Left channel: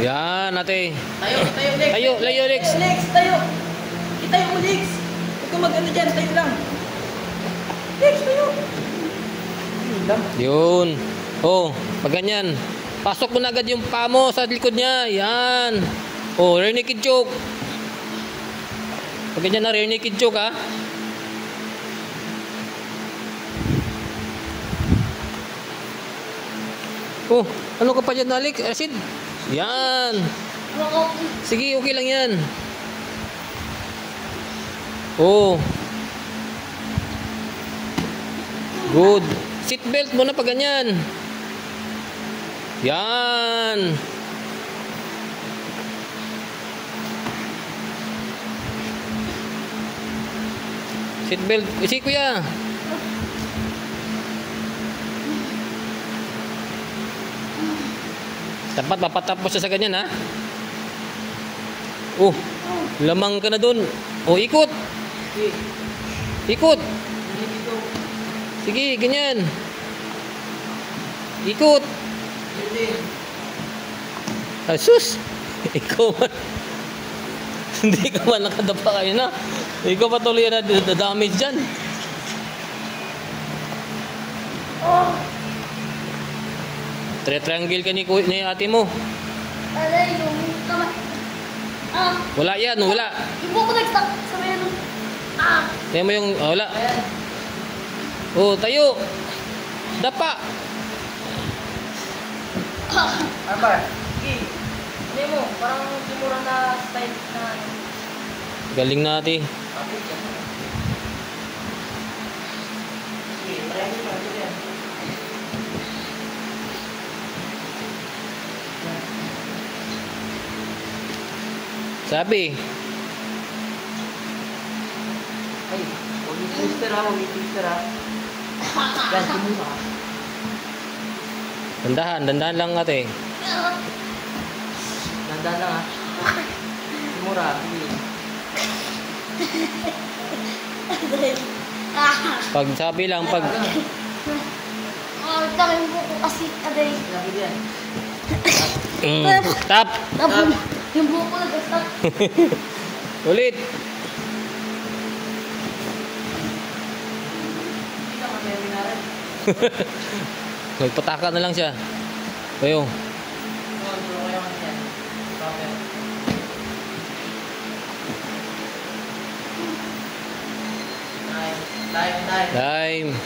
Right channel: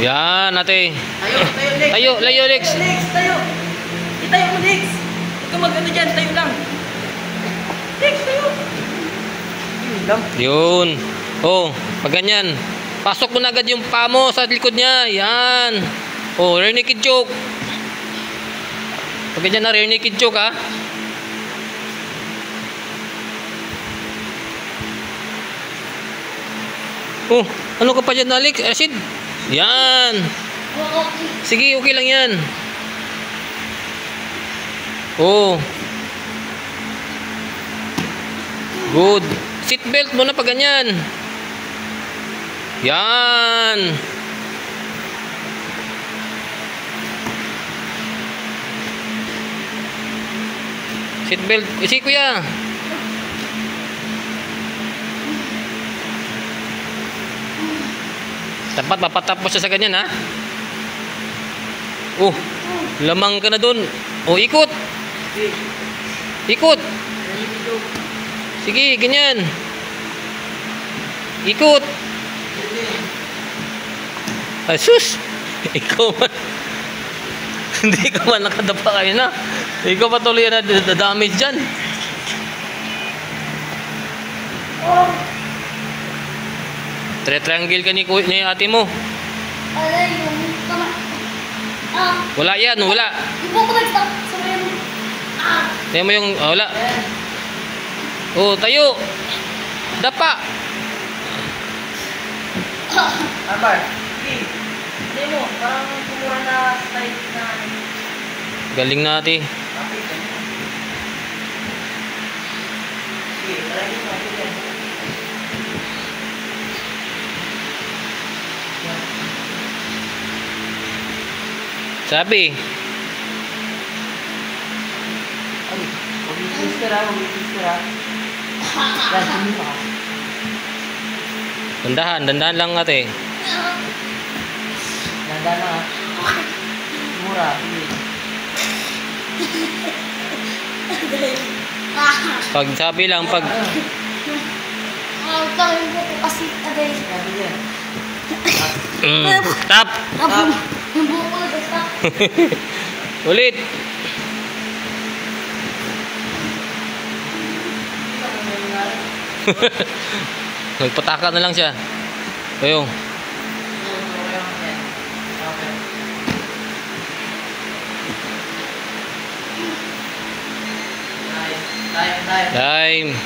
Yan, ate. Tayo, Layo, Lex. Lex, tayo. Itayo mo, Lex. Huwag kang mag-ano dyan, tayo lang. Lex, tayo. Yun lang. Yun. Oh, pag ganyan. Pasok mo na agad yung paa mo sa likod niya. Yan. Oh, rear naked choke. Pag ganyan na rear naked choke, ha. Oh, ano ka pa dyan, Alex? Acid. Yan. Sige, okay lang yan. Oh. Good. Seatbelt mo na pag ganyan. Yan. Seatbelt. Si kuya. Dapat mapatapos siya sa ganyan, ha? Oh, lamang ka na dun. Oh, ikot. Ikot. Sige, ganyan. Ikot. Asus. Ikaw man. Hindi ka man nakadapa kayo na. Ikaw patuloy na damage dyan. Triangle ka ni ate mo. Alay, yung kamay. Wala yan, wala. Ibo ko nag-stop sa meron. Tayo mo yung, wala. Oh, tayo. Dapa. Abar. Sige. Hindi mo, parang kumura na style na. Galing na ate. Okay, ganyan. Sige, try mo pa yan. Sabi. Ay, ulit-twister ha. Yan, hindi mo. Dandahan lang ate. Nanda na. Mura. Pag sabi lang, pag... Ito yung buko kasi aday. Tap. Yung buko nag-stop. Ulit. Nagpataka na lang siya. Ayun. Time.